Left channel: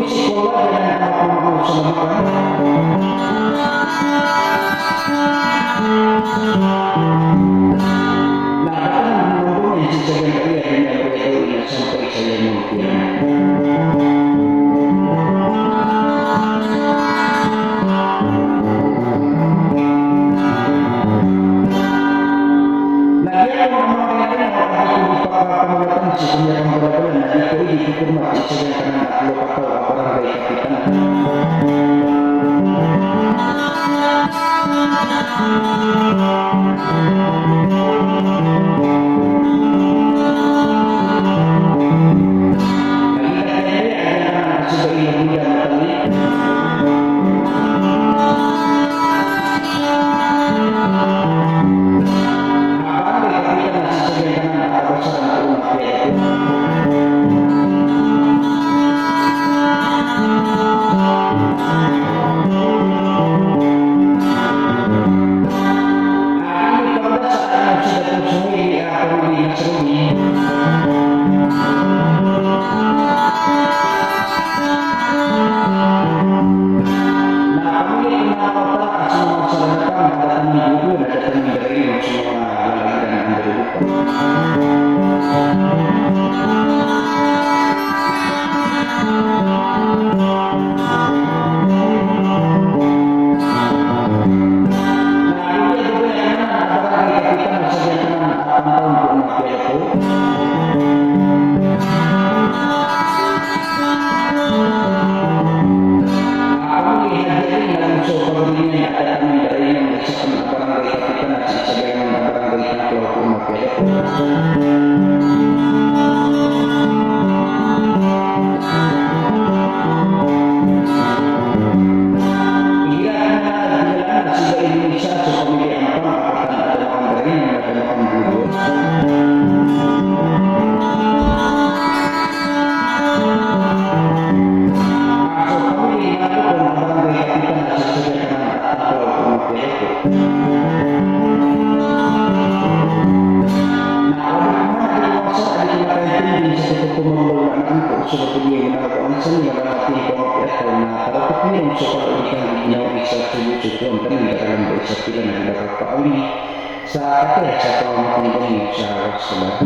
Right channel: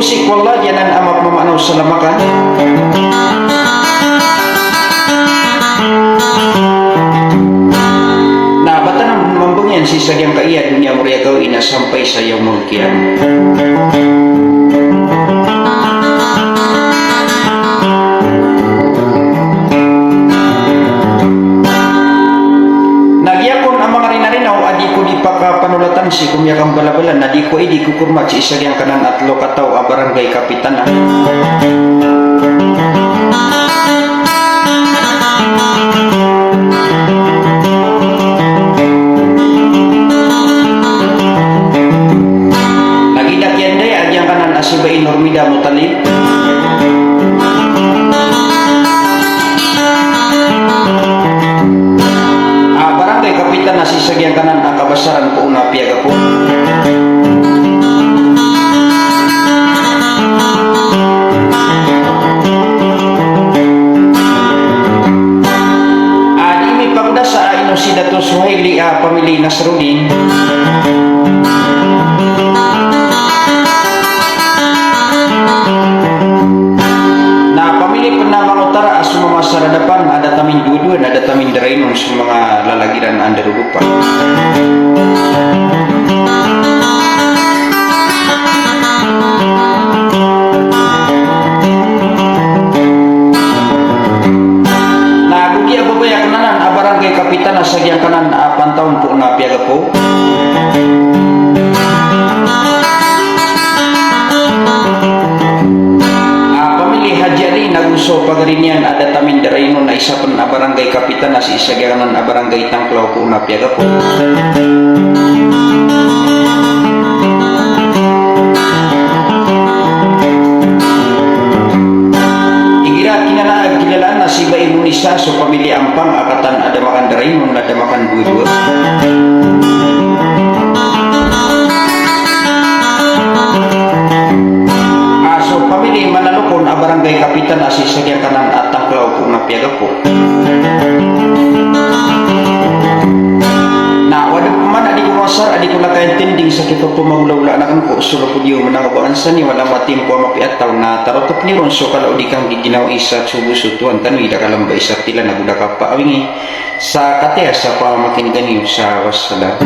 kusik wallah janan amak mamanu salamakan. Nah batan membungyan sisa yang kaya dunia mulia kau ina sampai saya mulkian. Si kumyakang bala-bala na di ko di kukurmat si isa yang kanan at lokataw a barangay kapitan. Nagidak yan day adyang kanan asibay Normida Mutalib. Barangay kapitan na si sagyang kanan akabasaran ko una piyaga po. Imi pagda sa inosida to Suhaili pamili Nasruddin. Na pamili penamang utara asuma masaradapan ada tamin duduan ada tamin derainon sa mga lalagiran andarudupan. Kapitan na sagyang kanan pantaon po na piyaga po. Pamili Haji Ali naguso pagarinyan ada tamin darayno na isa pan barangay kapitan na si sagyang kanan barangay Tangklaw po na piyaga po. Si Bayi Munisa so pamilya Ampang akatan ada makan Daraimon ada makan dua-dua. So pamilya Manalukon barangay kapitan si sagyang kanan at Tangklaw po na piyaga po. Na waduh man adi ko masar adi ko nakaintinding sa kito pumagulawla na kan ko sulo po diyo manangabaan sa ni wala matim po mapiataw na tarotop ni ron so kalau di kang giginaw isa subusutuan tanwi da kalamba isa tila na budak pa awingi sa katea sa pamakin ganiyo sa wassalam.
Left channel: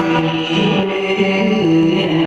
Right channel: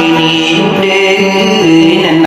Ini